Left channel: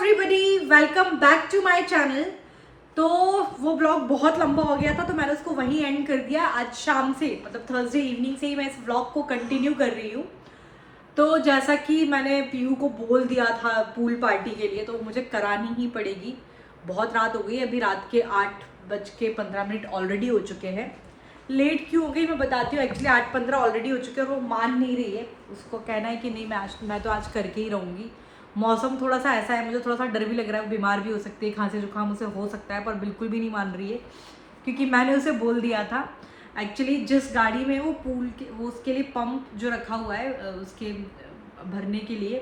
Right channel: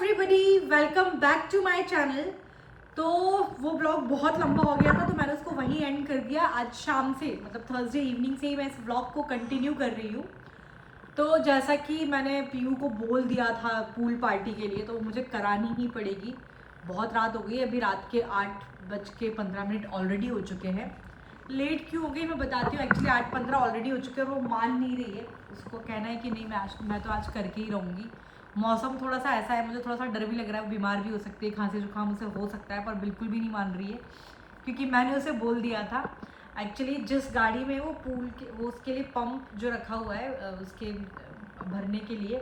Everybody, welcome back to my channel. तो वो blog बहुत लंबा हो गया था तो मैंने उसको वहीं एंड कर दिया। आज शाम से मतलब थर्सडे इवनिंग से ही मैं इस ब्लॉग को कंटिन्यू कर रही हूँ। तो जैसा कि मैंने पीहू को बोल दिया था पूल पार्टी के लिए, तो मुझे करानी ही पड़ेगी। बहुत रात हो गई, अभी रात के 8:15 ऑलरेडी हो चुके हैं। लेट क्यों हो गई मैं बताती हूँ। एक्चुअली 8:15 ऑलरेडी हो चुके हैं और वो मान नहीं रही है। उसको कहना है कि नहीं मैं तो आज करके ही रहूँगी। मौसम थोड़ा सा ऐसा है, मुझे थोड़ा सा डर भी लग रहा है, बीमार भी हो सकती है, खांसी जुकाम उसे हो सकता है, पर बिल्कुल भी नहीं मान रही है क्योंकि मैंने उसे बोल दिया था। एक्चुअली जिस गाड़ी में वो पूल के वो उसके लिए पंप जो रखा हुआ है उसके भरने के लिए,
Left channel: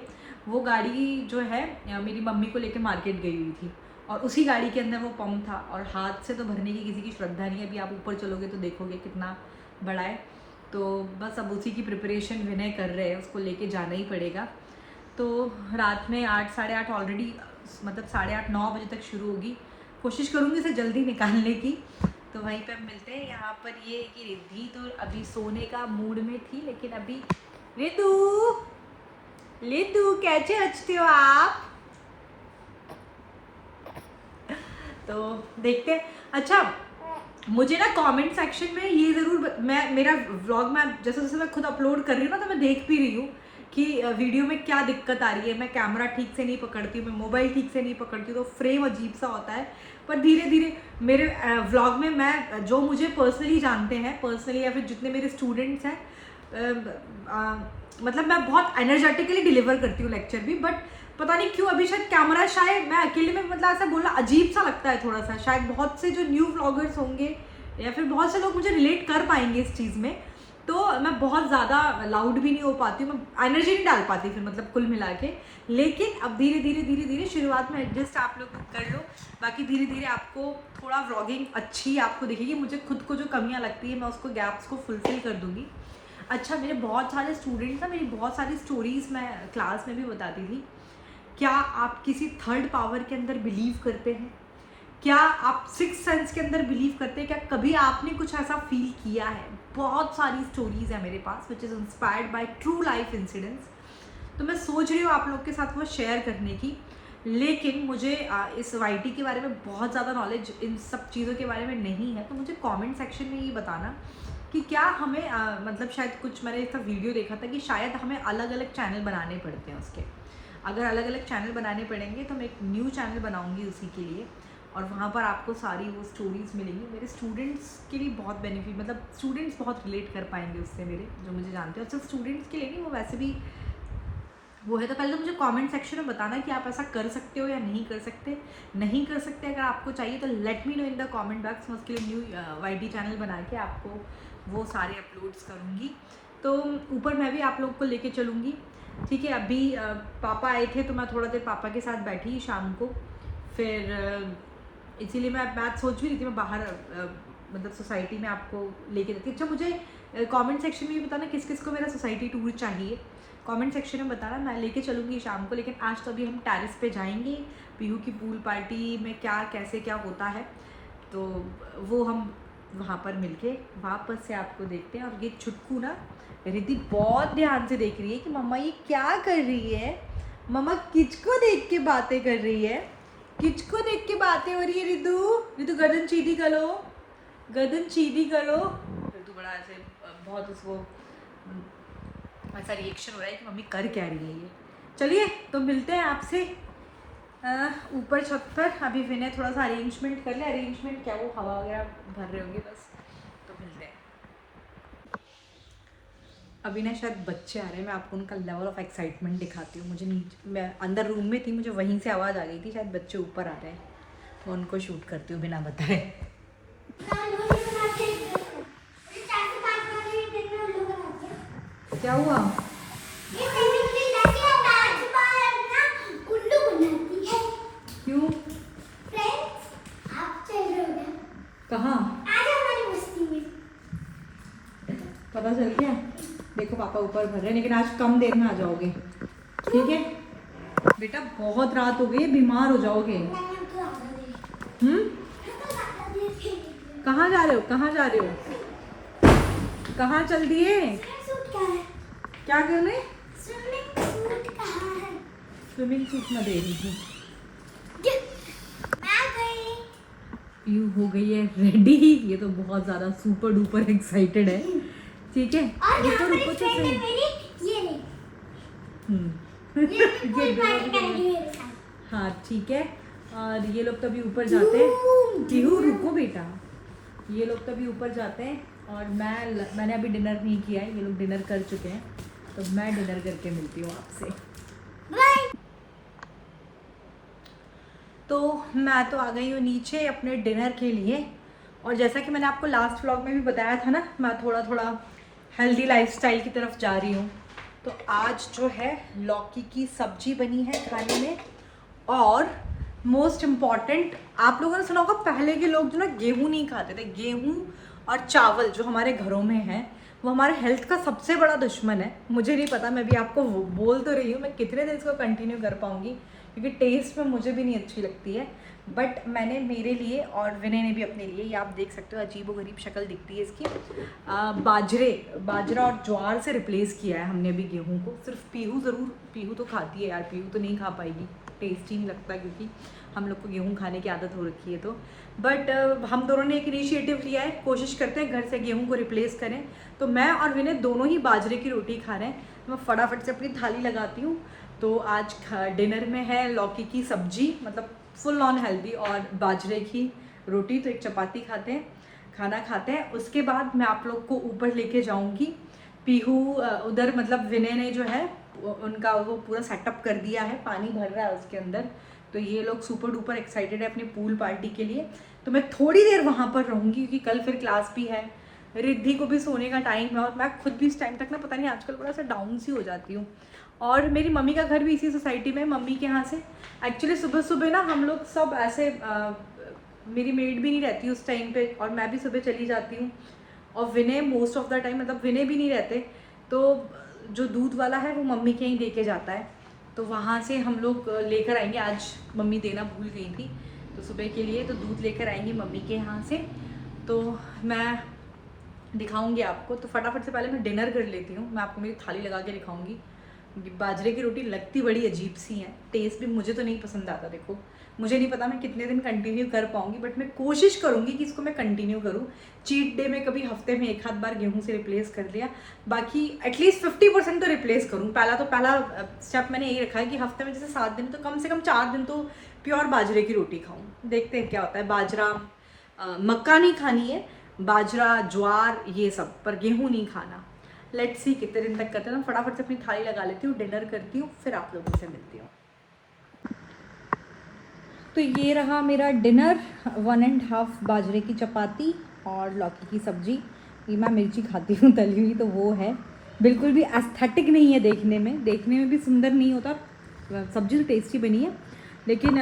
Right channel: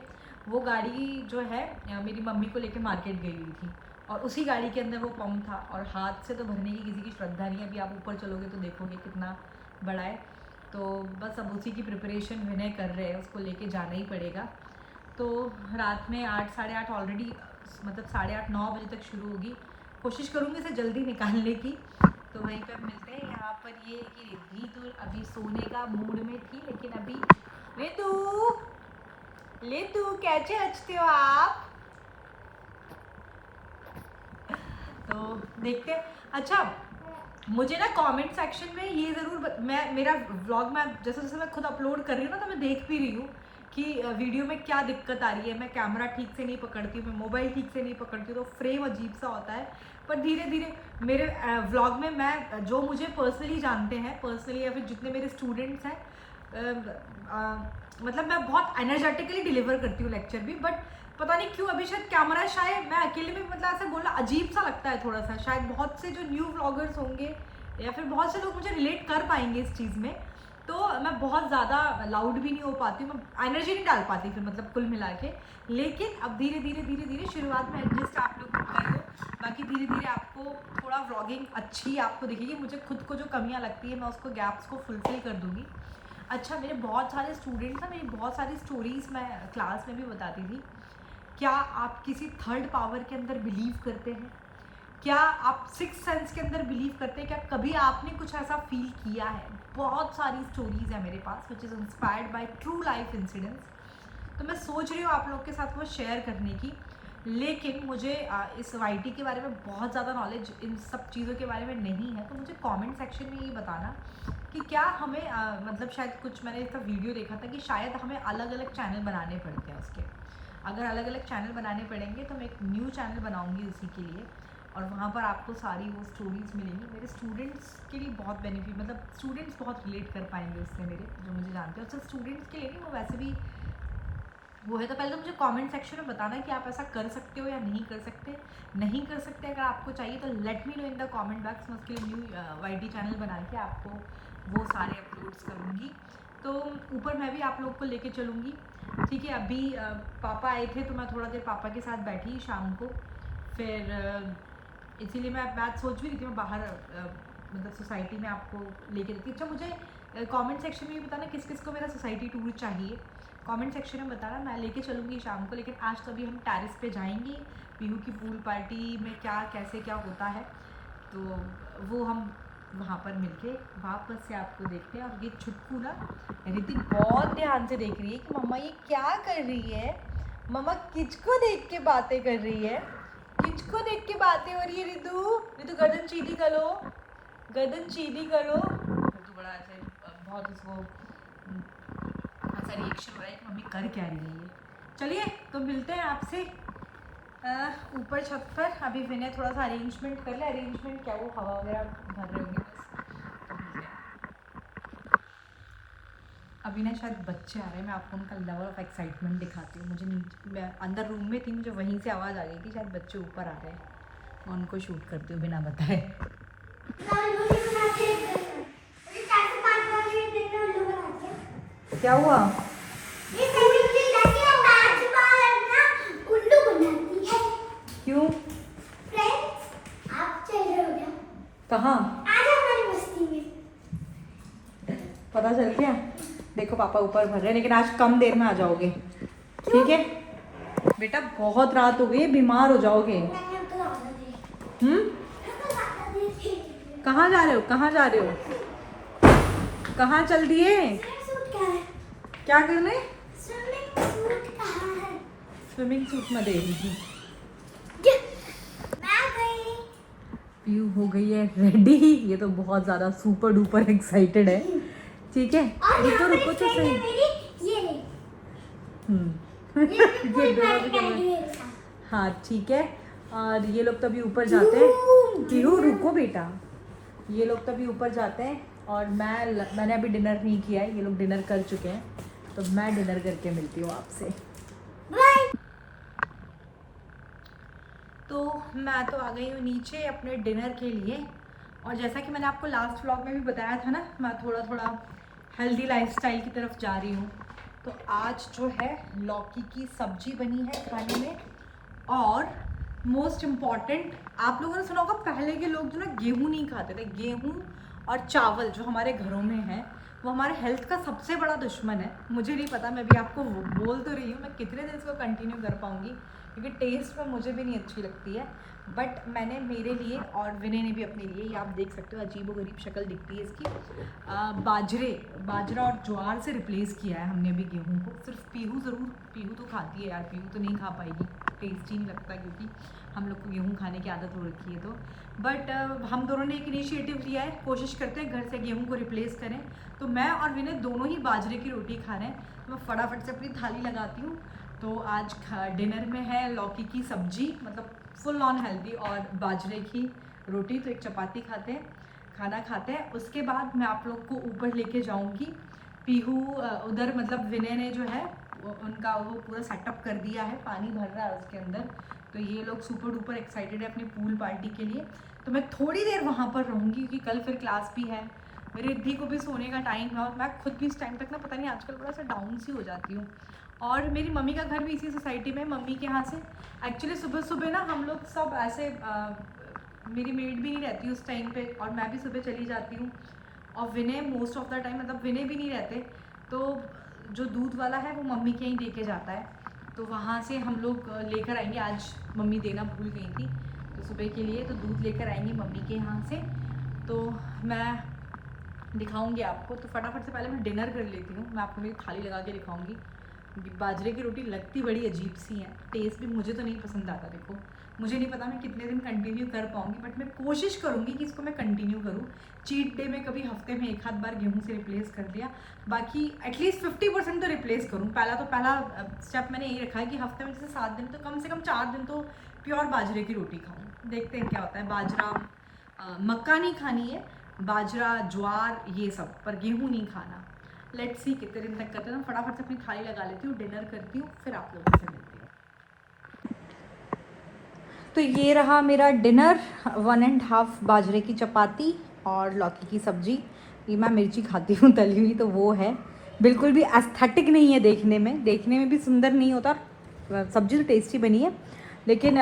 वो गाड़ी जो है मेरी मम्मी को लेके मार्केट गई हुई थी और उसी गाड़ी के अंदर वो पंप था। और हाथ से तो भरने की किसी की श्रद्धा नहीं है। अभी आप ऊपर चलोगे तो देखोगे कितना बड़ा है। तो बस अब उसी की प्रिपरेशन विनय कर रहे हैं, उसको लेके जाना ही पड़ेगा। तो रात में 8 साढ़े 8 ऑलरेडी, मतलब 8:30-9 बजे तक शुरू होगी। कोशिश करूँगी इसे जल्दी निकालने की। तो वहीं पे मिलते हैं। यहाँ पर ये कि रिद्धि तो अभी सोने का मूड में थी, लेकिन अभी रिद्धू कैसे हंसते हो आप? तो देखते हैं। अच्छा, मुझे ना कमेंट सेक्शन में ये ज़रूर, मैं मेरा व्लॉग में जैसे जैसे मैं खुद अपलोड कर रही हूँ ना, तो मैं देख भी रही हूँ कि वीडियो में क्या दिक्कत आ रही है। मैं कैमरा ठीक से नहीं पकड़ती हूँ, मैं मोबाइल ठीक से नहीं पकड़ती हूँ, तो फ्रेम अजीब सा होता है। पर धीरे धीरे मेरे व्लॉग में मैं जो मुझे पर्सनली जानते हैं, पर्सनली या फिर जितने मेरे स्टूडेंट्स हैं, मतलब मैं बहुत एनर्जेटिकली डिलीवर करती हूँ लेक्चर भी। बट पता नहीं क्यों अभी शायद कैमरा, शायद मैं अकेले में, मतलब ऐसा बोलना अजीब सा लगता है थोड़ा सा। शायद बहुत से जो न्यू व्लॉगर्स होंगे या फिर बहुत से लोग मुझे रिलेट कर पाएंगे इस चीज़ में। तो मैं बहुत ज़्यादा लाउड भी नहीं हो पाती हूँ, मैं एनर्जी नहीं डाल पाती फिर, मतलब कुल मिला के। लेकिन अब धीरे धीरे शुरुआत में एडजस्ट आप लोग कर लो। बाकी धीरे धीरे आपको थोड़ा व्लॉगिंग अच्छी आपको दिखेगी। मुझे खुद को जो कमियाँ लगती है मैं उसको गैप्स को फुलफिल कर दूँगी। अच्छा, मेरे बहुत सारे स्टूडेंट्स ना, मेरी बहुत सारी स्टोरीज़ मैं क्लास में भी बताती थी। क्या आप किसी थर्ड पावर के अंदर बिलीव करते हैं? क्या आप सिक्स सेंस के अंदर बिलीव करते हैं? क्या कभी आपने कुछ ऐसा फील किया है? बहुत सारी स्टोरीज़ है मेरे पास which is inspired by true life incidents. तो मैं सोच रही हूँ आप लोग के साथ वो शेयर करने की। लेकिन मुझे इस वाईटी के बारे में बहुत ज़्यादा नॉलेज इन सब चीज़ों के बारे में नहीं है। तो मुझे कमेंट सेक्शन में ये बताना कि क्या हमें मतलब शायद कुछ, मैंने ऐसा वीडियो देखा था कि शायद हमें अलग अलग चैनल बनाने पड़ते हैं उसके। अगर अलग अलग चैनल बनाने पड़ेंगे तो मैं एक न्यू चैनल बनाऊंगी उसी के लिए, और वहाँ पर आपको सारी वो स्टोरीज़ मिलेंगी। मेरे स्टूडेंट्स के लिए बहुत बेनिफिट, मतलब स्टूडेंट्स बहुत रिलेट कर पाएंगे उससे, मेरे जो मुझे जानते हैं। और सिर्फ स्टूडेंट्स के लिए नहीं, वो वैसे भी वो है। तो पहले तो मुझे कमेंट सेक्शन में बताना कि आप ऐसा कर सकते हो या नहीं कर सकते। नहीं कर सकते अगर आपको चाहिए तो let me know in the comment box. मैं उसके लिए न्यू वाईटी चैनल बना के आपको वो सारे अपलोड्स करूँगी। तो ऊपर मैं भी आप लोग को लेके चलूँगी, ठीक है। अभी पापा आए थे तो मैं थोड़ा देर पापा के साथ बैठी शाम को। फिर इसीलिए मैं सोच भी रही थी मैं बाहर मतलब सोसाइटी में आपको लेके जाती। अच्छा, मुझे कमेंट सेक्शन में ये बताना किस किस को मेरा सोसाइटी टूर चाहिए। कमेंट सेक्शन में बताना, मैं लेके चलूँगी शाम को। लेकिन आज तो अभी हम टेरेस पे जाएंगे। पीहू की पूल पार्टी में क्या कैसे क्या होता है तो वो हम वहाँ पर मिलके वापस से आपको देखते हैं। और ये छुटकू ना, रिद्धि बहुत ध्यान से देख रही है कि मम्मा ये क्या कर रही है। मम्मा किसको देख के बातें कर रही है? किसको देख के बातें हो रही है? रिद्धू गर्दन सीधी करो, गर्दन सीधी करो। रिद्धू बड़ा ऐसे बहुत उसको ऐसा रिएक्शन हो रहा है कि मम्मी कर क्या रही है ये। चलिए तो मिलते हैं आपसे ऊपर छत पर। अभी विनय थोड़ा सा अरेंजमेंट कर ले। अरेंजमेंट क्या, वो हवा वगैरह भर रहे होंगे बस। तो मिलते हैं। अभी ना शायद बच्चे आ रहे हैं, मैं आपको उनका लेवल ऑफ एक्साइटमेंट दिखाती हूँ। मुझे नीचे, मैं अंदर रूम में थी, मुझे वहीं से आवाज़ आ गई थी शायद बच्चे ऊपर आ रहे हैं। मैं उनको शूट करती हूँ बिना बताए। क्या हुआ? क्यों? कहाँ? पता चल गया? देखो पापा ऊपर भर रहे हैं, लेकिन आज कम देर में आ जाओगे, ठीक है बेटा? बहुत रात हो गई, बीमार हो जाओगे। कहाँ जा रहे हो? कहाँ जा रहे हो? कहाँ चल दिए? क्या करने? स्विमिंग सूट में दे रही थी। पीयू हो गई है रेडी। ये तो बहुत ज़्यादा सुपर डुपर एक्साइटेड है। ठीक है, रुको रुको तो सही। हाँ ठीक है, और ये लोग तभी ऊपर जाते हैं। पीयू रुको बेटा, ये लोग तभी ऊपर जाते हैं और मैंने अभी डिनर नहीं किया है, ये लोग डिनर कर चुके हैं, तो मैं डिनर करके मिलती हूँ आपसे। तो मैं तो आ गई हूँ नीचे अपने डिनर के लिए, और जैसा कि मैंने आपको लास्ट व्लॉग में भी बताया था ना, मैं थोड़ा थोड़ा हेल्दी लाइफस्टाइल की तरफ जा रही हूँ। तो आज जो है लौकी की सब्जी बनी है खाने में, और मोस्ट इम्पॉर्टेंट, आप लोगों ने सुना होगा पहले के लोग जो ना गेहूँ नहीं खाते थे। गेहूँ और चावल जो हमारे घरों में है वो हमारे हेल्थ का सबसे बड़ा दुश्मन है। मुझे नहीं पता, मैं भी आपको बोल तो रही हूँ, मैं कितने दिन इसको कंटिन्यू कर पाऊँगी, क्योंकि टेस्ट में मुझे भी नहीं अच्छी लगती है। बट मैंने मेरे लिए और विनय ने भी अपने लिए, ये आप देख सकते हो अजीबोगरीब शक्ल दिखती है इसकी, बाजरा और ज्वार से रिप्लेस किया है हमने भी गेहूं को। सिर्फ पीहू तो खाती है यार, पीहू तो नहीं खा पाएगी, टेस्ट ही नहीं लगता, क्योंकि हम लोग को गेहूं खाने की आदत हो रखी है। तो बट हम दोनों ने एक इनिशिएटिव लिया है, कोशिश करते हैं घर से गेहूं को रिप्लेस करें। तो मैं और विनय दोनों ही बाजरे की रोटी खा रहे हैं। मैं फटाफट से अपनी थाली लगाती हूँ। तो आज डिनर में है लौकी की सब्जी, मतलब फुल ऑन हेल्दी, और बाजरे की रोटी। तो एक चपाती खाना खाते हैं। उसके बाद मैं आप लोग को ऊपर लेके जाऊंगी। पीहू उधर, मतलब विनय ने जो है उनका वो पूरा सेटअप कर दिया है, पानी भर रहा है उसके अंदर। तो ये लोग सुपर डुपर एक्साइटेड है अपने पूल पार्टी के लिए। तो मैं थोड़ी देर वहाँ पर रहूँगी, क्योंकि कल फिर क्लास भी है, रिद्धि को भी सोने का टाइम है, और मैं खुद भी इस टाइम तक ना पता नहीं आजकल बड़ा सा डाउन सी हो जाती हूँ। और मेरी मम्मी का घर भी इसी सोसाइटी में, मम्मी के यहाँ से एक्चुअली सुबह सुबह ना हम लोग सब ऐसे मेरी मेड भी नहीं रहती उस टाइम पे, और मैं भी सुबह चली जाती हूँ, और विनय मोस्ट ऑफ द टाइम, मतलब विनय भी नहीं रहते, तो जो दूध वाला है वो मम्मी के ही दे के जाता है। तो वहाँ से हम लोग लेकर आएंगे, आज मम्मी देना भूल गई थी, तो सुबह के लिए तो दूध लेकर आएंगी मम्मी के यहाँ से। तो मैं दिखाऊंगी आपको। तो फटाफट से पहले मैं डिनर कर लेती हूँ, मैं आपको मेरी थाली लगा के दिखाऊंगी। बाजरे की रोटी लगती बड़ी अजीब सी है, टेस्ट भी मुझे तो नहीं पसंद आता। देखो मुझे नहीं पता मैं कितने दिन कंटिन्यू कर पाऊंगी, बट मैं कोशिश करूंगी कि इसको मैं कंटिन्यू करूं। चीट डे में कभी हफ्ते में एक आध बार गेहूं से रिप्लेस कर दिया, बाकी एटलीस्ट 50% तो रिप्लेस करूं। पहला स्टेप मैंने यही रखा है कि हफ्ते में जैसे 7 दिन तो कम से कम 4 दिन तो प्योर बाजरे की रोटी खाऊँ। देखते हैं क्या होता है। बाजरा मक्का नहीं खानी है, बाजरा ज्वार ये सब, पर गेहूँ नहीं खाना। लेट्स सी कितने दिन तक करते हैं। फटाफट से अपनी थाली लगा लेती हूँ, डिनर करती हूँ, फिर आप लोगों से मिलती हूँ। तो ये रहा मेरा डिनर, 1.5 बाजरे की चपाती और लौकी की सब्जी। ये मैं मिर्ची खाती हूँ तली हुई, तो वो है, बिल्कुल भी एस्थेटिक नहीं है देखने में भी सुंदर नहीं होता। सब्जी तो टेस्टी बनी है, लेकिन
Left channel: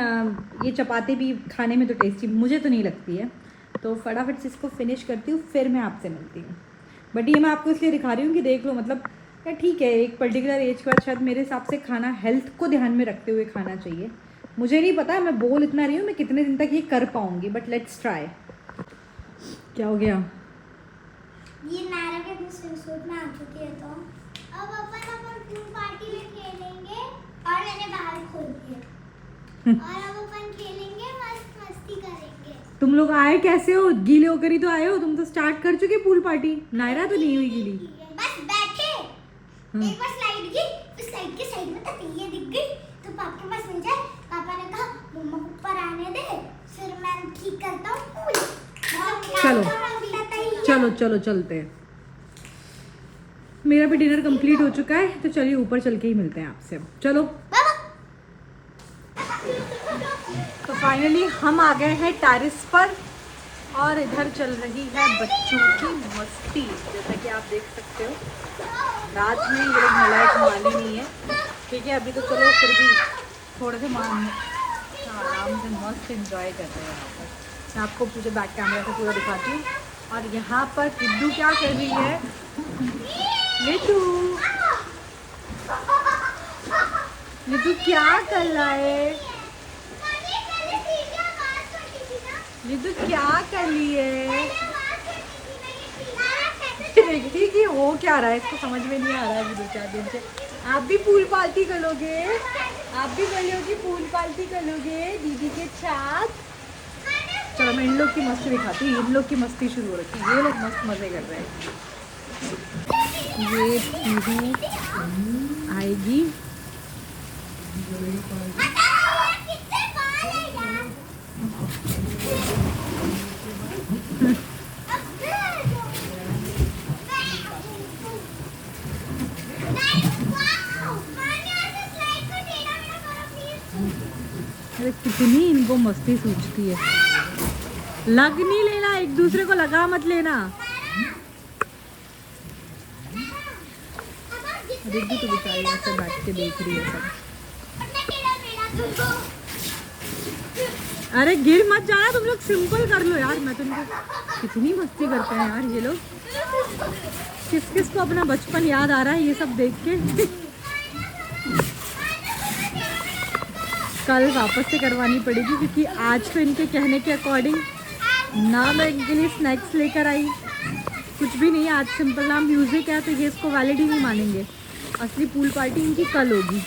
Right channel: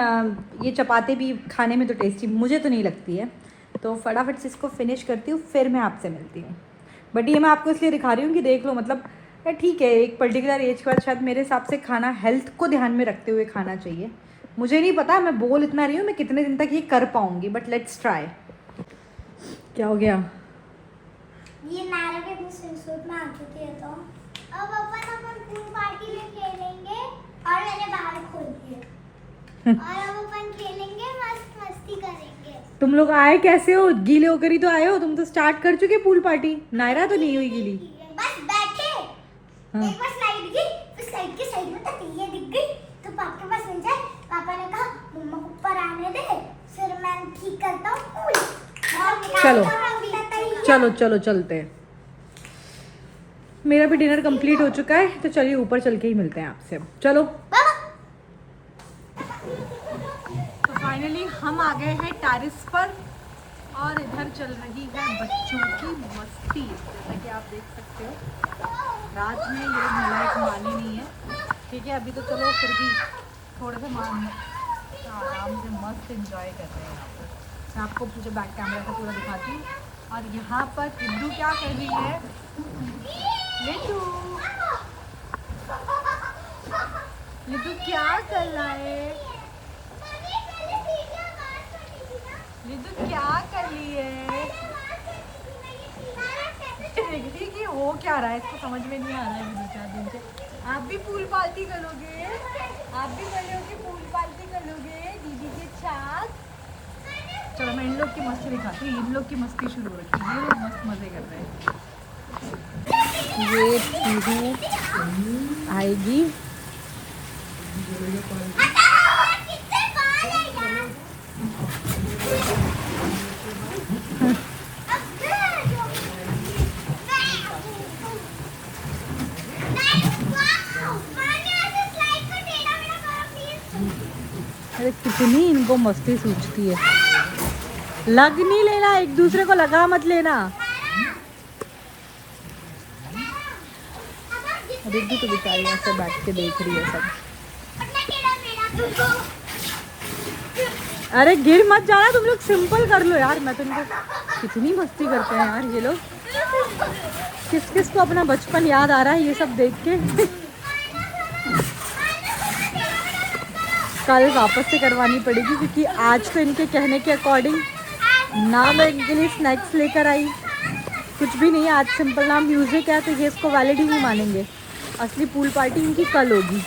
ये चपाती भी खाने में तो टेस्टी मुझे तो नहीं लगती है। तो फटाफट से इसको फिनिश करती हूँ, फिर मैं आपसे मिलती हूँ। बट ये मैं आपको इसलिए दिखा रही हूँ कि देख लो, मतलब ठीक है, एक पर्टिकुलर एज के बाद शायद मेरे हिसाब से खाना हेल्थ को ध्यान में रखते हुए खाना चाहिए। मुझे नहीं पता, मैं बोल इतना रही हूँ मैं कितने दिन तक ये कर पाऊंगी, बट लेट्स ट्राई। क्या हो गया? ये नारा के अपने स्विमसूट में आ चुकी है। तो अब अपन पूल पार्टी में खेलेंगे, और मैंने बाहर खोल दिया और अब अपन खेलेंगे, मस्त मस्ती करेंगे। तुम लोग आए कैसे हो? गीले होकर ही तो आए हो, तुम तो स्टार्ट कर चुके पूल पार्टी। नायरा तो नहीं हुई गीली, बस बैठे। हाँ। एक बार स्लाइड की, फिर स्लाइड के साइड में तकिया दिख गई, तो पापा के पास मिल जाए। पापा ने कहा मम्मा को ऊपर आने दे, फिर मैं ठीक करता हूँ पूल। चलो चलो चलते हैं। मेरा भी डिनर कंप्लीट हो चुका है, तो चलिए ऊपर चल के ही मिलते हैं आपसे। चलो। तो फाइनली हम आ गए हैं टेरेस पर, और इधर चल रही है बच्चों की मस्ती, जैसा कि आप देख सकते हो। रात में ये लोग मलाई घुमाने नहीं है, ठीक है। अभी तो चलो फिर भी थोड़े से आराम से मस्त एंजॉय कर रहे हैं यहाँ पर। मैं आपको पूरे बैक कैमरा से पूरा दिखाती हूँ। और यहाँ पर सिद्धू क्या कर रही है? लिटू क्या कर रहा है? लिटू क्या कर रही है? देखती कि हो क्या रहा है, इसको समझ में नहीं आ रहा है अभी 2-4 दिन से। आप भी पूल पार्टी करोगे? आप भी बोलोगे पूल पार्टी करोगे दीदी के साथ? चलो मैं इन लोग की मस्ती दिखाती हूँ। इन लोग की मस्ती शुरू हो रखी है, ये लोग मस्त मज़े कर रहे हैं। ये चीज़ें आएगी। अरे कितनी इनको मस्ती सूझती है। लग नहीं लेना, एक दूसरे को लगा मत लेना। रिद्धि तो बेचारी ऐसे बैठ के देख रही है सब। अरे गिर मत जाना, तुम लोग सिंपल कर लो यार। मैं तो इनको कितनी मस्ती करते हैं यार ये लोग। किस किस को अपना बचपन याद आ रहा है ये सब देख के। कल वापस से करवानी पड़ेगी क्योंकि आज तो इनके कहने के अकॉर्डिंग ना मैं इनके लिए स्नैक्स लेकर आई, कुछ भी नहीं। आज सिंपल नाम म्यूजिक है तो ये इसको वैलिड ही नहीं मानेंगे। असली पूल पार्टी इनकी कल होगी।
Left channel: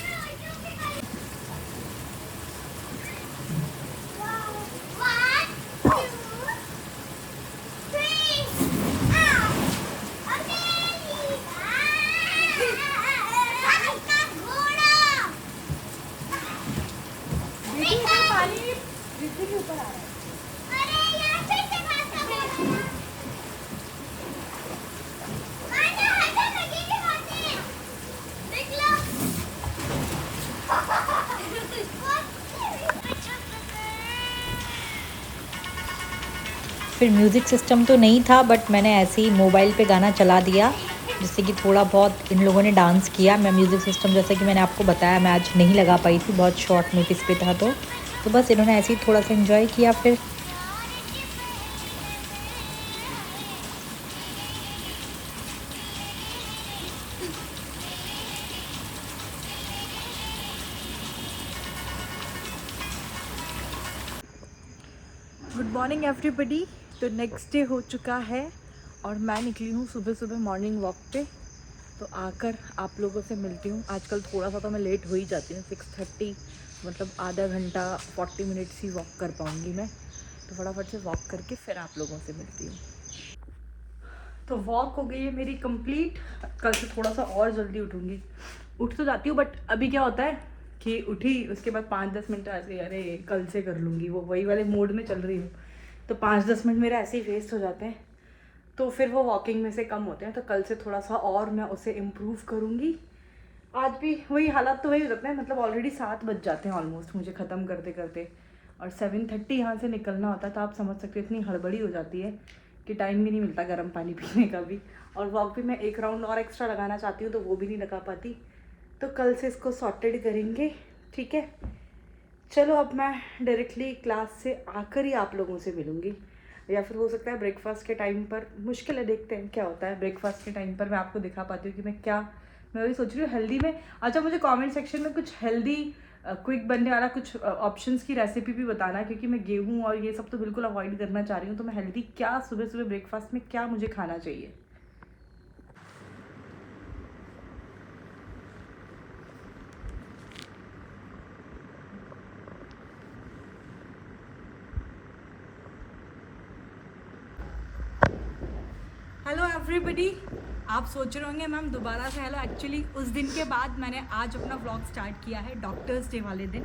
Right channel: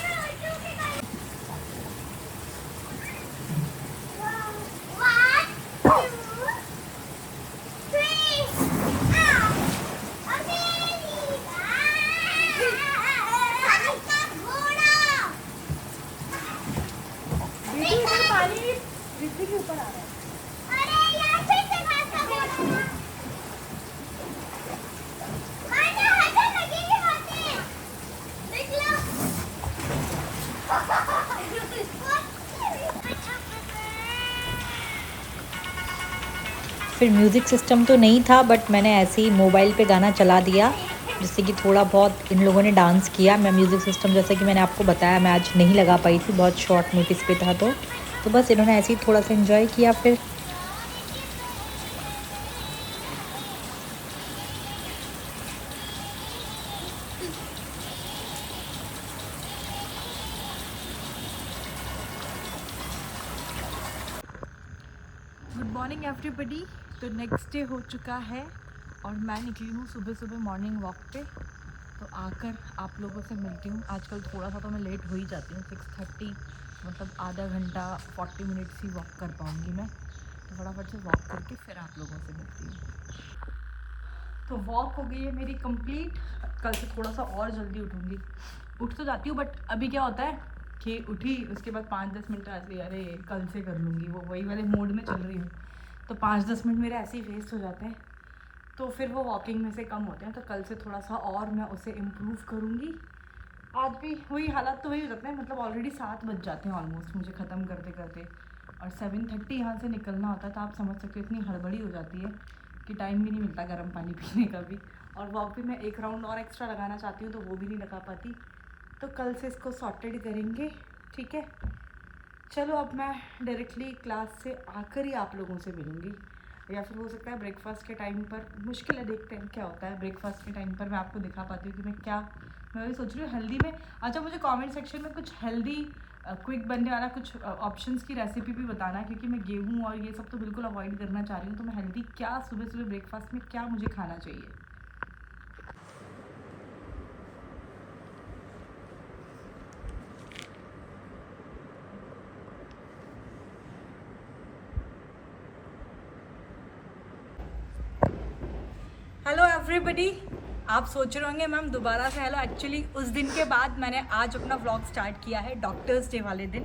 फिर म्यूज़िक सिस्टम तो नहीं था बट मैंने ऐसे ही मोबाइल पे गाना चला दिया जिससे कि थोड़ा बहुत इन लोगों ने डांस किया। मैं म्यूज़िक सिस्टम जैसे कि मैंने आपको बताया मैं आज नहीं लगा पाई थी, बहुत शॉर्ट नोटिस पे था तो बस इन्होंने ऐसे ही थोड़ा सा एंजॉय किया। फिर गुड मॉर्निंग एवरीबडी। तो नेक्स्ट डे हो चुका है और मैं निकली हूँ सुबह सुबह मॉर्निंग वॉक पे। तो आकर आप लोगों से मिलती हूँ। आजकल थोड़ा सा तो मैं लेट हो ही जाती हूँ, 6:30 मतलब आधा घंटा 40 मिनट्स ही वॉक कर पाऊँगी मैं। तो फटाफट से वॉक करके फिर आप लोगों से मिलती हूँ। तो वॉक हो गई है मेरी कंप्लीट। कल से थोड़ा सा और जल्दी उठूँगी। उठ तो जाती हूँ बट अभी क्या होता है कि उठी उसके बाद 5-10 मिनट ऐसे अरे कल से कर लूँगी, वो वही वाले मोड में चल रही हूँ। तो 5-10 मिनट मेरे ऐसे ही वेस्ट हो जाते हैं, तो फिर वो वॉकिंग में से कम होते हैं। तो कल से थोड़ा सा और मैं उसे इम्प्रूव करूँगी। आज भी वही हालात तो वही हो जाते हैं, मतलब ऑलरेडी 7 बज जाते हैं ऑलमोस्ट मुझे ख़त्म करते करते, और 7:30 यहाँ से निकलना होता है। तो आप समझ सकते हो इतनी हड़बड़ी हो जाती है कि टाइम भी नहीं मिलता गर्म पानी पीने का भी। और वॉक भी मैं 1 राउंड और एक्स्ट्रा लगाना चाहती हूँ तो वो भी नहीं लगा पाती। तो कल से इसको सॉर्टेड करेंगे, ठीक है। चलो अब मैं डायरेक्टली क्लास से आकर ही आप लोगों से मिलूँगी, या फिर हो सकता है ब्रेकफास्ट के टाइम पर। मुश्किल है, देखते हैं क्या होता है। ब्रेकफास्ट के टाइम पर मैं आपको दिखा पाती हूँ कि मैं वही सोच रही हूँ हेल्दी में। अच्छा, मुझे कमेंट सेक्शन में कुछ हेल्दी क्विक बनने वाला कुछ ऑप्शंस की रेसिपी भी बताना, क्योंकि मैं गेहूँ और ये सब तो बिल्कुल अवॉइड करना चाह रही हूँ। तो मैं हेल्दी क्या सुबह सुबह ब्रेकफास्ट में क्या मुझे खाना चाहिए। Hello everybody. आप सोच रहे होंगे मैम दोबारा से हेलो। एक्चुअली उस दिन के बाद मैंने आज अपना व्लॉग स्टार्ट किया है डॉक्टर्स डे वाले दिन।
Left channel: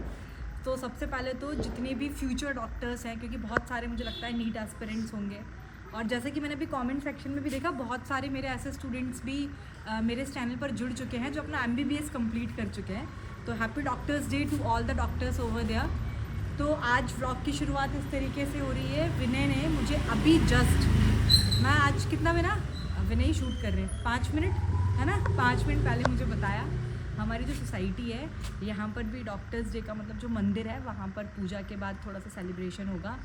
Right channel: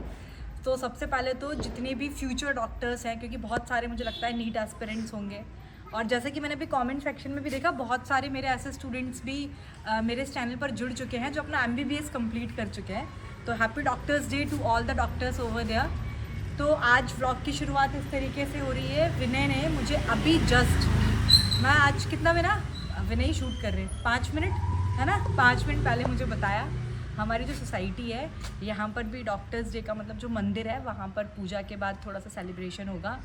तो सबसे पहले तो जितने भी फ्यूचर डॉक्टर्स हैं, क्योंकि बहुत सारे मुझे लगता है नीट एस्पिरेंट्स होंगे, और जैसे कि मैंने अभी कमेंट सेक्शन में भी देखा बहुत सारे मेरे ऐसे स्टूडेंट्स भी मेरे इस चैनल पर जुड़ चुके हैं जो अपना MBBS कंप्लीट कर चुके हैं। तो happy doctors day to all the doctors over there. तो आज व्लॉग की शुरुआत इस तरीके से हो रही है। विनय ने मुझे अभी जस्ट, मैं आज कितना विनय शूट कर रहे हैं 5 मिनट है ना, 5 मिनट पहले मुझे बताया हमारी जो सोसाइटी है यहाँ पर भी डॉक्टर्स डे का मतलब जो मंदिर है वहाँ पर पूजा के बाद थोड़ा सा सेलिब्रेशन होगा।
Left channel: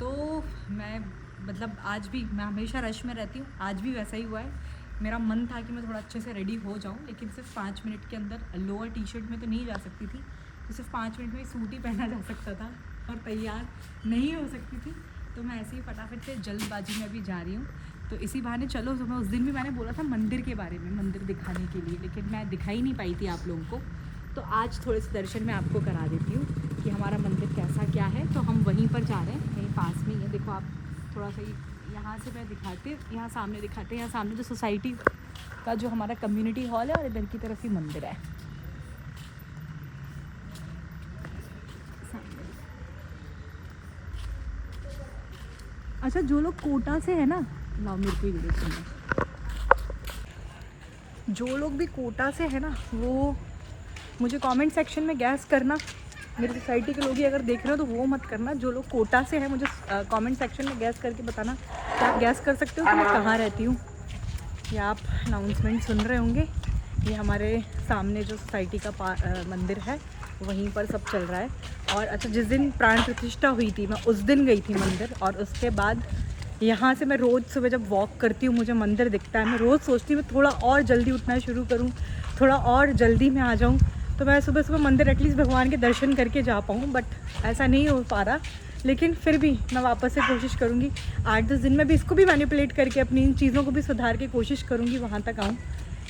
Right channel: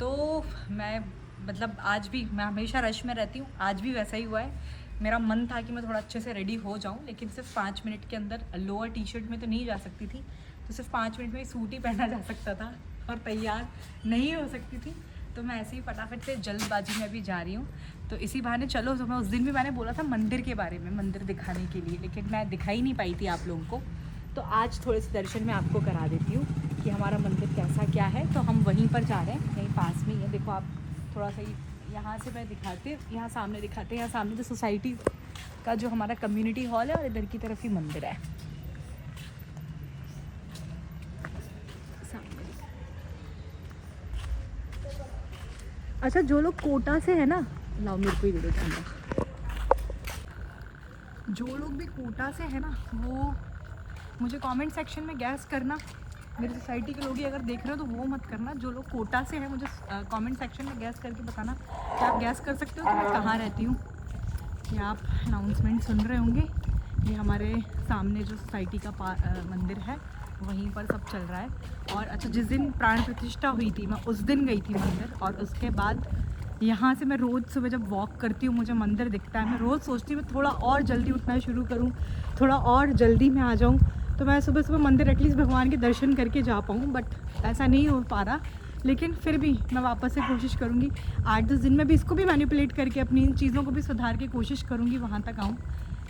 तो मैं मतलब आज भी, मैं हमेशा रश में रहती हूँ, आज भी वैसा ही हुआ है। मेरा मन था कि मैं थोड़ा अच्छे से रेडी हो जाऊँ, लेकिन सिर्फ 5 मिनट के अंदर लोअर टी-शर्ट में तो नहीं जा सकती थी। तो सिर्फ 5 मिनट में सूट ही पहना जा सकता था और तैयार नहीं हो सकती थी। तो मैं ऐसे ही फटाफट से जल्दबाजी में अभी जा रही हूँ। तो इसी बहाने चलो, तो मैं उस दिन भी मैंने बोला था मंदिर के बारे में, मंदिर दिखाने के लिए, लेकिन मैं दिखा ही नहीं पाई थी आप लोगों को। तो आज थोड़े से दर्शन मैं आपको करा देती हूँ। कि हमारा मंदिर कैसा क्या है, तो हम वहीं पर जा रहे हैं, यहीं पास में ही है। देखो आप थोड़ा सा यहाँ से मैं दिखाती हूँ, यहाँ सामने दिखाते हैं, यहाँ सामने तो सोसाइटी का जो हमारा कम्युनिटी हॉल है और इधर की तरफ ही मंदिर है। अच्छा, जो लोग कोटा से है ना, लाओ मेरे को ही दे दो। जो लोग भी कोटा से है ना, वो मुझे कमेंट सेक्शन में गैस करना। मेरी सोसाइटी के लोग ही अगर देख रहे हो तो वो मत करना। जो लोग कोटा से हैं मुझे कमेंट सेक्शन में गैस करके बताना कि आप गैस कर सकते हो कि मैं कहाँ रहती हूँ। या आप अनाउंसमेंट सुन रहे होंगे, ये हमारे सामने जो सोसाइटी का मंदिर है वहीं पर सब चल रहा है। और अच्छा, जिस दिन प्राण प्रतिष्ठा हुई थी मैं उस दिन गई थी मंदिर, और उसके बाद यहाँ से मैं रोज़ सुबह जब वॉक करती हूँ मुझे मंदिर दिखता है। मैं रोज़ सोचती हूँ मैं थोड़ा और जल्दी उठना शुरू करूँ, थोड़ा और जल्दी मैं आ जाऊँ, तो मैं सुबह सुबह मंदिर एटलीस्ट भगवान के दर्शन करके जा पाऊँ, बट ऐसा नहीं हो पा रहा। लेकिन फिर भी मैं वापस से कोशिश करूँगी, 8-10 दिन में भी इसको भी मैनिपुलेट करके अपनी इन चीज़ों को भी सुधार के कोशिश करूँगी वहाँ तक आऊँ।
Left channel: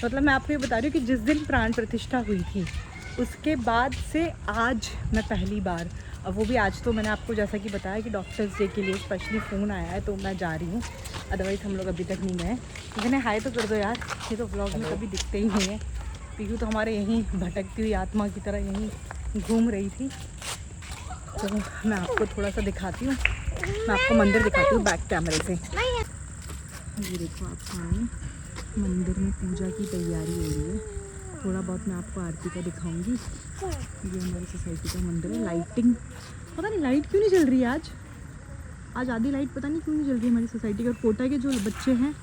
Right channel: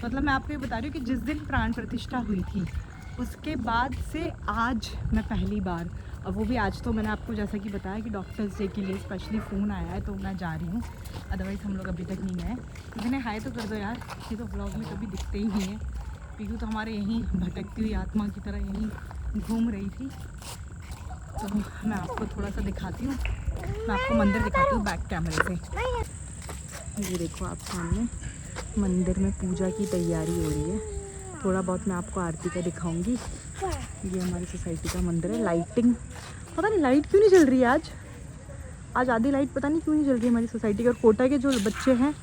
मतलब मैं आपको ये बता रही हूँ कि जिस दिन प्राण प्रतिष्ठा हुई थी उसके बाद से आज मैं पहली बार, अब वो भी आज तो मैंने आपको जैसा कि बताया कि डॉक्टर्स डे के लिए स्पेशली फ़ोन आया है तो मैं जा रही हूँ, अदरवाइज़ हम लोग अभी तक नहीं गए। मैंने हाय तो कर दो यार, ये तो ब्लॉग में कभी दिखते ही नहीं है। पीयू तो हमारे यहीं भटकती हुई आत्मा की तरह यहीं घूम रही थी। तो मैं आपको थोड़ा सा दिखाती हूँ, मैं आपको मंदिर दिखाती हूँ बैक कैमरे से। ये देखो आप सामने मंदिर में पूजा की तैयारी हो रही है। थोड़ा बहुत मैं आपको आरती का दिखाऊंगी। ये हमारी सोसाइटी का मंदिर है। लाइटिंग पता नहीं लाइट क्यों नहीं जल रही है आज आधी लाइट पता नहीं क्यों नहीं जल रही है हमारी सोसाइटी की। और कोटा के जो बच्चे हैं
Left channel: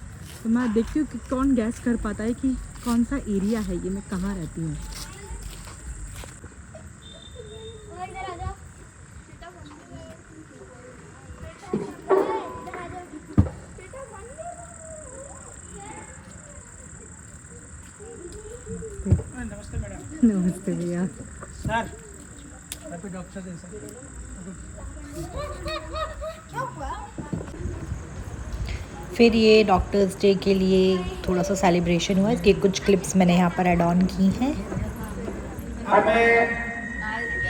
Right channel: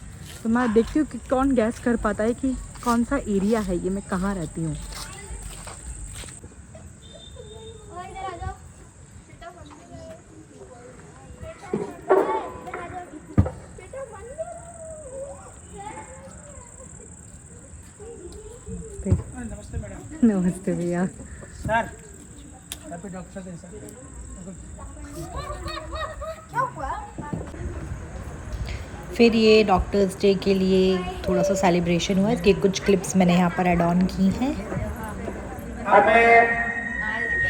तो मैं देखती हूँ कि कौन गैस कर पाता है कि कौन सा एरिया है ये, मैं कहाँ रहती हूँ। नमस्ते मैडम। नमस्ते भैया। Sir happy doctor day sir. फिर ये डॉक्टर्स डे के लिए थोड़ा सा सेलिब्रेशन हुआ, इसकी कुछ क्लिप्स मैंने यहाँ पर ऐड ऑन की हैं। हमें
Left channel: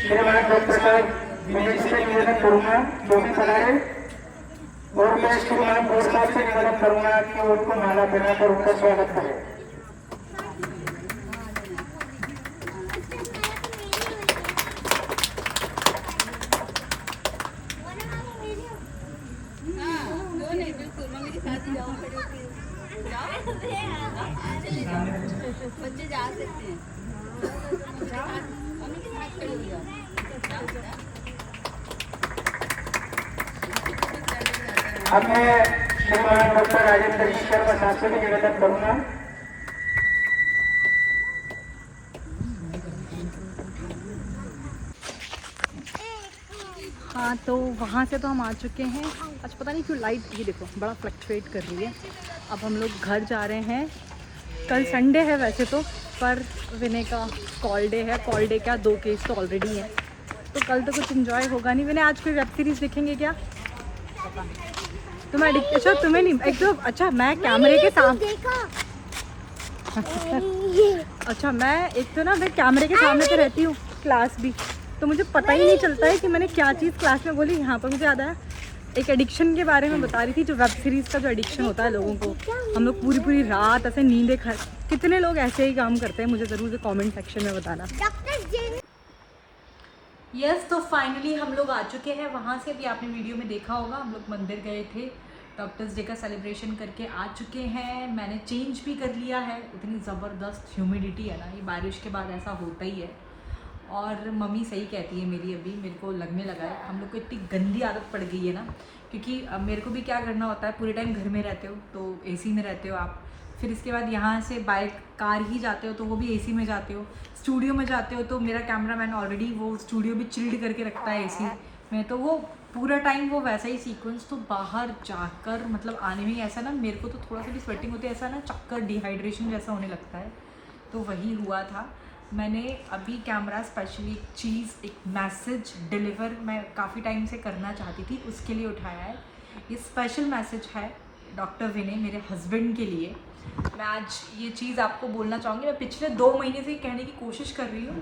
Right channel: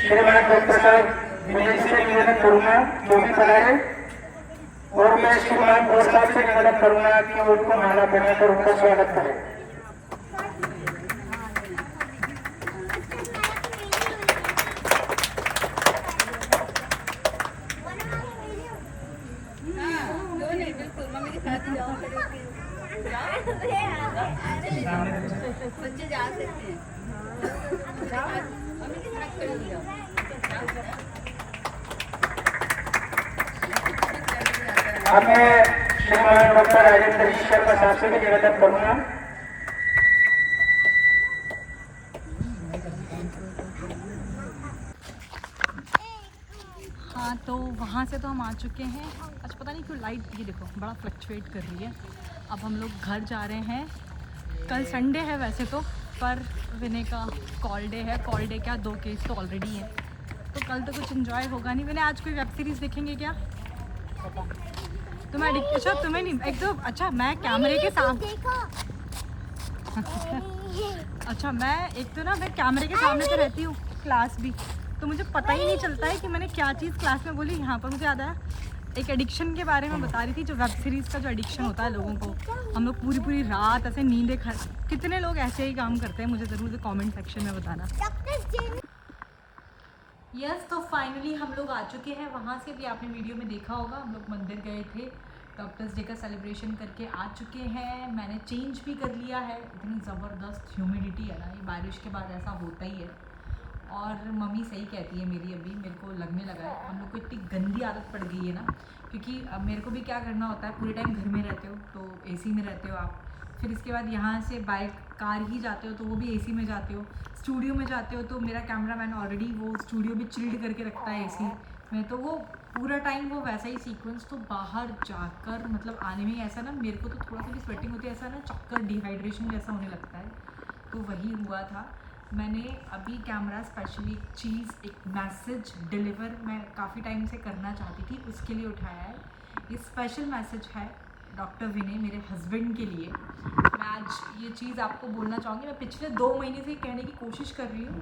श्रीमान डॉक्टर विनय जी से निवेदन करूँगा जो भी पधारे, और मैं श्रीमान डॉक्टर से निवेदन करूँगा कि उनको माला पहनाकर उनका स्वागत करें। बच्चे जा सकते हैं। हमें श्रीमान डॉक्टर राजेंद्र ईश्वर का सबसे भी निवेदन करूँगा। हाँ, तो वहाँ से तो हम आ चुके हैं। आज पता नहीं क्यों लाइट ये देखो बड़ा फ्लक्चुएट कर रही है। अब हम लोग घर जा रहे हैं। कल संडे है वैसे तो, पर विनय का कॉल डे है। कॉल डे क्या, 2 केस तो ऑलरेडी हैं, तो कल तो कुछ इन्जॉय होगा नहीं। विनय आज कोई वेब सीरीज़ देखेंगे क्या? तुम्हें अच्छा तुम्हें नहीं एक तो अच्छा मैं कैमरे के सामने अच्छा मैं एक तो ना मैं कैमरे के सामने तो रहती हूँ, क्लास भी, तो मुझे पता ही नहीं चलता है कि मैंने क्या चीज़ क्लास में बोली। यहाँ पर मुझे याद आया एक एडिक्शन के बारे में बता रही थी, जो वेब सीरीज़ का जो एडिक्शन होता है लोगों को। हम लोग पूरी पूरी रात ऐसे नींदें खा, कितने लोग ऐसे ही काम करते हैं मुझे ज़रूर से कमेंट सेक्शन में बताना। यस, तो फाइनली हम लोग आ चुके हैं वहाँ से। भी आपने वीडियो में देखा होगा हम लोग मंदिर गए थे, डॉक्टर्स डे का सेलिब्रेशन करके आ चुके हैं। मैंने चेंज भी कर लिया है, इतनी ज़बरदस्त ह्यूमिडिटी है ना, ये बारिश के बाद ऐसा होता ही है। और मम्मी सही कहती है मेरी, अभी मेरे को लगने लगा है हम लोग को इतनी गंदी आदत पड़ गई है ना, क्योंकि अब मेरे को भी क्या करना होता है, पूरे टाइम घर में रहते हो तो एसी में रहते हो आप, फिर इसके बाद यहाँ से बाइक कार ही जाते हो तो वो भी एसी में जाते हो, स्टूडियो में जाते हो तो मेरा कैमरामैन ऑलरेडी वो स्टूडियो भी चिल्ड करके रखता है एसी में, तो वो पूरा टाइम वो वैसा ही सीक्वेंस। तो बाहर जाकर मतलब आने में ऐसा ना, मेरे को तो थोड़ा सा भी स्वेटिंग होती है, ऐसा ना चक्कर डिहाइड्रेशन जैसा होने लगता है, तो वही हुआ था। मैंने अभी कैमरा स्पेशली एक चीज़, एक मैसेज डिलीवर मैं काफ़ी टाइम से करना चाहती थी, उसके लिए उठाया है। ये स्पेशल मैसेज है डॉक्टर विनय, मेरे हस्बैंड के लिए। मैं आज ये चीज़ आपको बोलना चाहूँगी। मैं पिछले 2 महीने से कहने की कोशिश कर रही हूँ,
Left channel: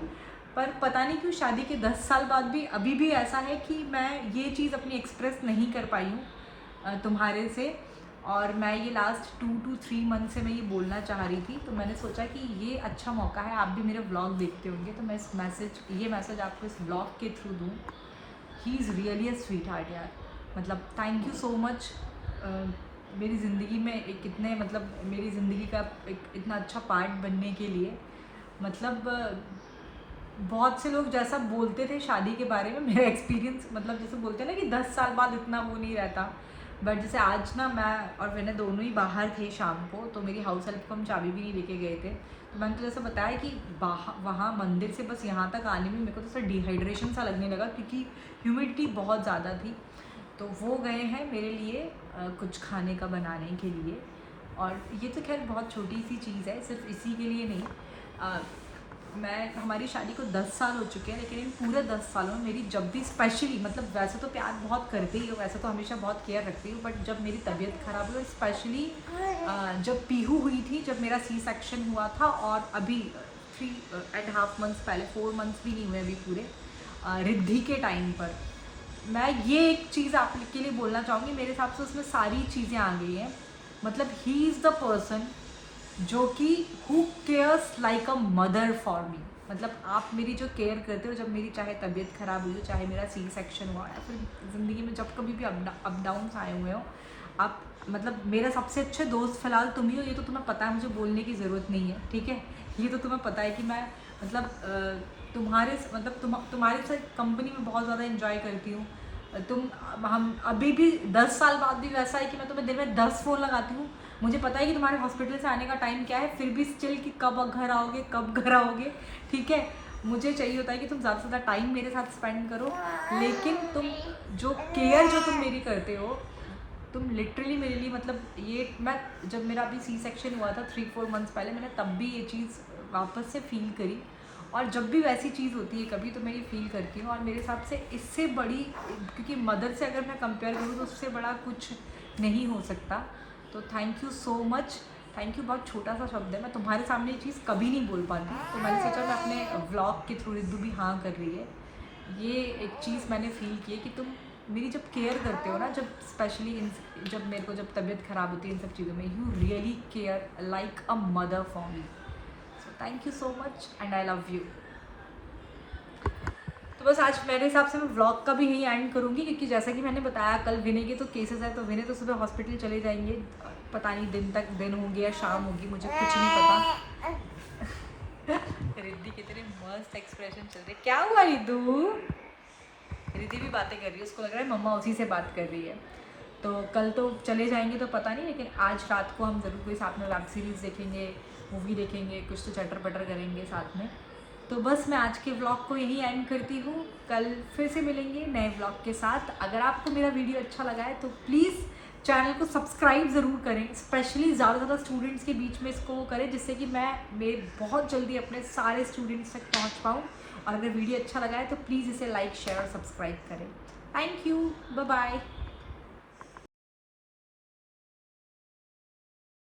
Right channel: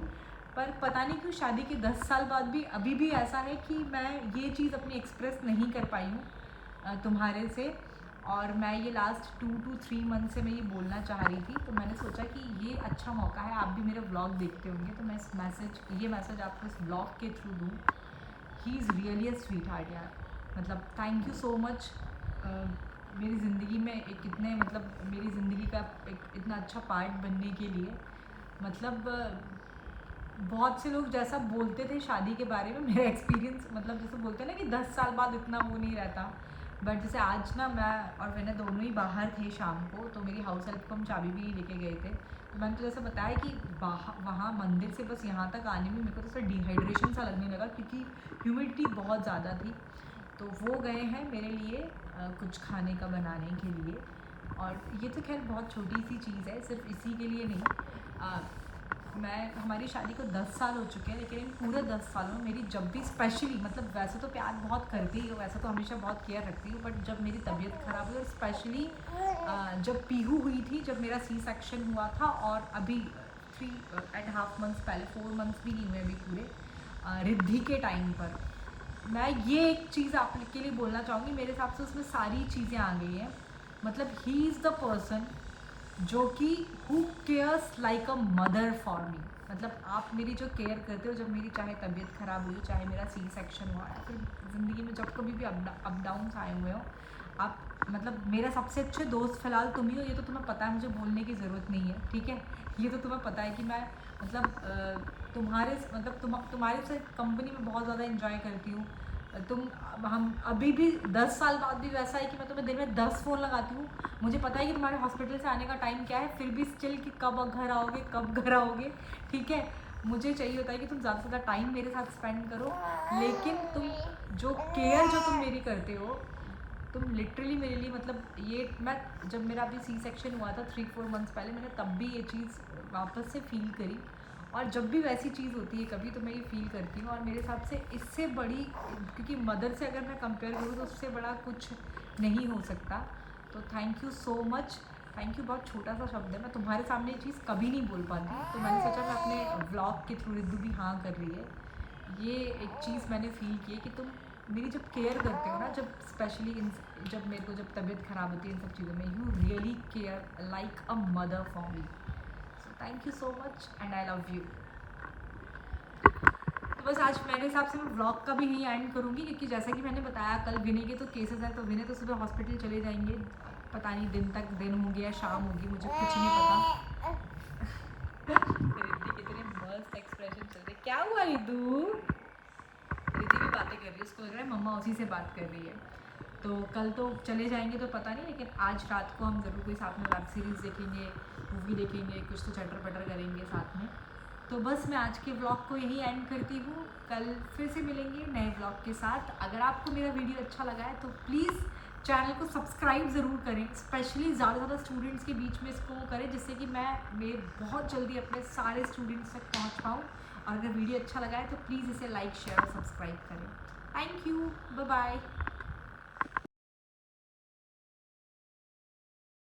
पर पता नहीं क्यों शादी के 10 साल बाद भी अभी भी ऐसा है कि मैं ये चीज़ अपनी एक्सप्रेस नहीं कर पाई हूँ तुम्हारे से। और मैं ये लास्ट 2 to 3 मंथ से मैं ये बोलना चाह रही थी, तो मैंने सोचा कि ये अच्छा मौका है, आप भी मेरे व्लॉग देखते होंगे तो मैं ये मैसेज आपको इस व्लॉग के थ्रू दूँ। He is really a sweet heart यार, मतलब थैंक यू सो मच मेरी ज़िंदगी में एक इतने मतलब मेरी ज़िंदगी का एक इतना अच्छा पार्ट बनने के लिए। मतलब बहुत से लोग जैसा बोलते थे शादी के बारे में, मेरा एक्सपीरियंस मतलब जैसे बोलते हैं ना कि 10 साल बाद इतना वो नहीं रहता, बट जैसे आज ना मैं और मैंने दोनों ही बाहर थे शाम को, तो मेरी हाउस हेल्प को हम चाबी भी नहीं लेके गए थे। तो मैंने तो जैसे बताया कि वहाँ मंदिर से बस यहाँ तक आने में मेरे को तो थोड़ा डिहाइड्रेशन सा लगने लगा क्योंकि ह्यूमिडिटी बहुत ज़्यादा थी। तो वो गए हैं मेरे लिए कुछ खाने का बनाने के लिए, और ये तो खैर बहुत छोटी सी चीज़ है, सिर्फ इसी के लिए नहीं। हमारी शादी को 10 साल हो चुके हैं, लेकिन इन पूरे 10 सालों में मेरी जब भी स्पेशली मतलब वैसे तो प्यार बहुत करती ही हो, वैसे तो हमेशा बहुत केयर रखती हूँ, बट जब मेरी तबीयत ख़राब हुई, स्पेशली जब पीहू हुई थी, जब मेरा सी सेक्शन हुआ था, और अभी 3.5 मंथ्स पहले, 4 मंथ्स भी नहीं हुए अभी पूरे, रिद्धि के टाइम पर, मैं ये एक चीज़ आपके लिए बोलना चाहूँगी। मेरे हिसाब से उसमें सारी चीज़ें आ गई हैं। मतलब ही इज़ द पर्सन जो कि who cares like a mother for me. मतलब आप मेरी जो केयर करते हो, जब मेरी चाहे तबीयत ख़राब हुई हो, चाहे मेरा सी सेक्शन हुआ, या फिर ज़िंदगी में जब कभी भी अप डाउन्स आए हुए हो, आप मतलब मेरा सबसे अच्छे दोस्त फ़िलहाल तुम ही हो। ये तो तुम्हें पता है, मुझे बोलने की ज़रूरत नहीं है, ठीक है। ये तो तुम्हें पता है कि मैं मतलब तुम्हारे साथ कंपनी में बहुत ज़्यादा इन्जॉय करती हूँ। हम अभी भी 10 साल बाद भी वैसा है कि मैं तुम्हें दिन में 10 फ़ोन लगाती हूँ। मुझे पता है कि तुम्हारे हॉस्पिटल से आने का टाइम क्या है, फिर भी स्टिल कि कब घर आओगे, कब घर आओगे, ठीक है। मुझे चाहिए होता है कि तुम ज़्यादा से ज़्यादा टाइम मेरे साथ स्पेंड करो, लेकिन तुम जो केयर जो तुम मेरी करते हो, तुम लिटरली मेरे लिए मतलब ये मैं जब मेरा अभी सी सेक्शन हुआ था 3-4 मंथ्स पहले, मैंने तब भी ये चीज़ वापस से फील करी, और जब भी वैसी चीज़ होती है कभी तो मैं ये फील करती हूँ। और मेरे हिसाब से इससे बड़ी, क्योंकि मदर से अगर मैं कंपेयर करूँ तो उससे बड़ा कुछ नहीं हो सकता। तो thank you so much. Thank you बहुत छोटा सा शब्द है, मैं तुम्हारे सामने ये चीज़ कभी नहीं बोल पाती, तो मैंने सोचा मैं अपने व्लॉग के थ्रू रिद्धू भी हाँ कर रही है। ये एक चीज़ मैंने फ़ील की है कि तुम मेरी जब केयर करते हो ना, जब स्पेशली जब मेरे को जब तबीयत ख़राब होती है इन सब चीज़ों में, you really care like a mother for me. Thank you so much and I love you. तो बस आज मेरे हिसाब से मैं व्लॉग का भी यही एंड करूँगी, क्योंकि जैसा कि मैंने बताया कल विनय के तो केसेस है, तो विनय तो सुबह हॉस्पिटल चले जाएंगे, पता नहीं दिन होंगे या शाम होगी, मुझे कुछ नहीं पता। रिद्धि कितने मस्त एक्सप्रेशन चल रहे। क्या हुआ रिद्धू? रिद्धि भी बातें कर रही है, उसको लग रहा है मम्मा उसी से बात कर रही है। तो कल तो चले जाएंगे तो पता नहीं, लेकिन आज रात को हम ज़रूर कोई साथ में वेब सीरीज़ देखेंगे, मूवी देखेंगे, कुछ तो चटर पटर करेंगे साथ में। तो बस मैं आज के व्लॉग को यही एंड करती हूँ। कल फिर से मिलेंगे नए व्लॉग के साथ। अगर आपको मेरा वीडियो अच्छा लगा है तो प्लीज़ चैनल को सब्सक्राइब ज़रूर करें, स्पेशली ज़्यादा से ज़्यादा स्टूडेंट्स के बीच में इसको करें, जिससे कि मैं बहुत जल्दी अपने सारे स्टूडेंट्स तक पहुँच पाऊँ। और अगर वीडियो अच्छा लगा है तो प्लीज़ इसे लाइक, शेयर और सब्सक्राइब करें। Thank you, bye bye.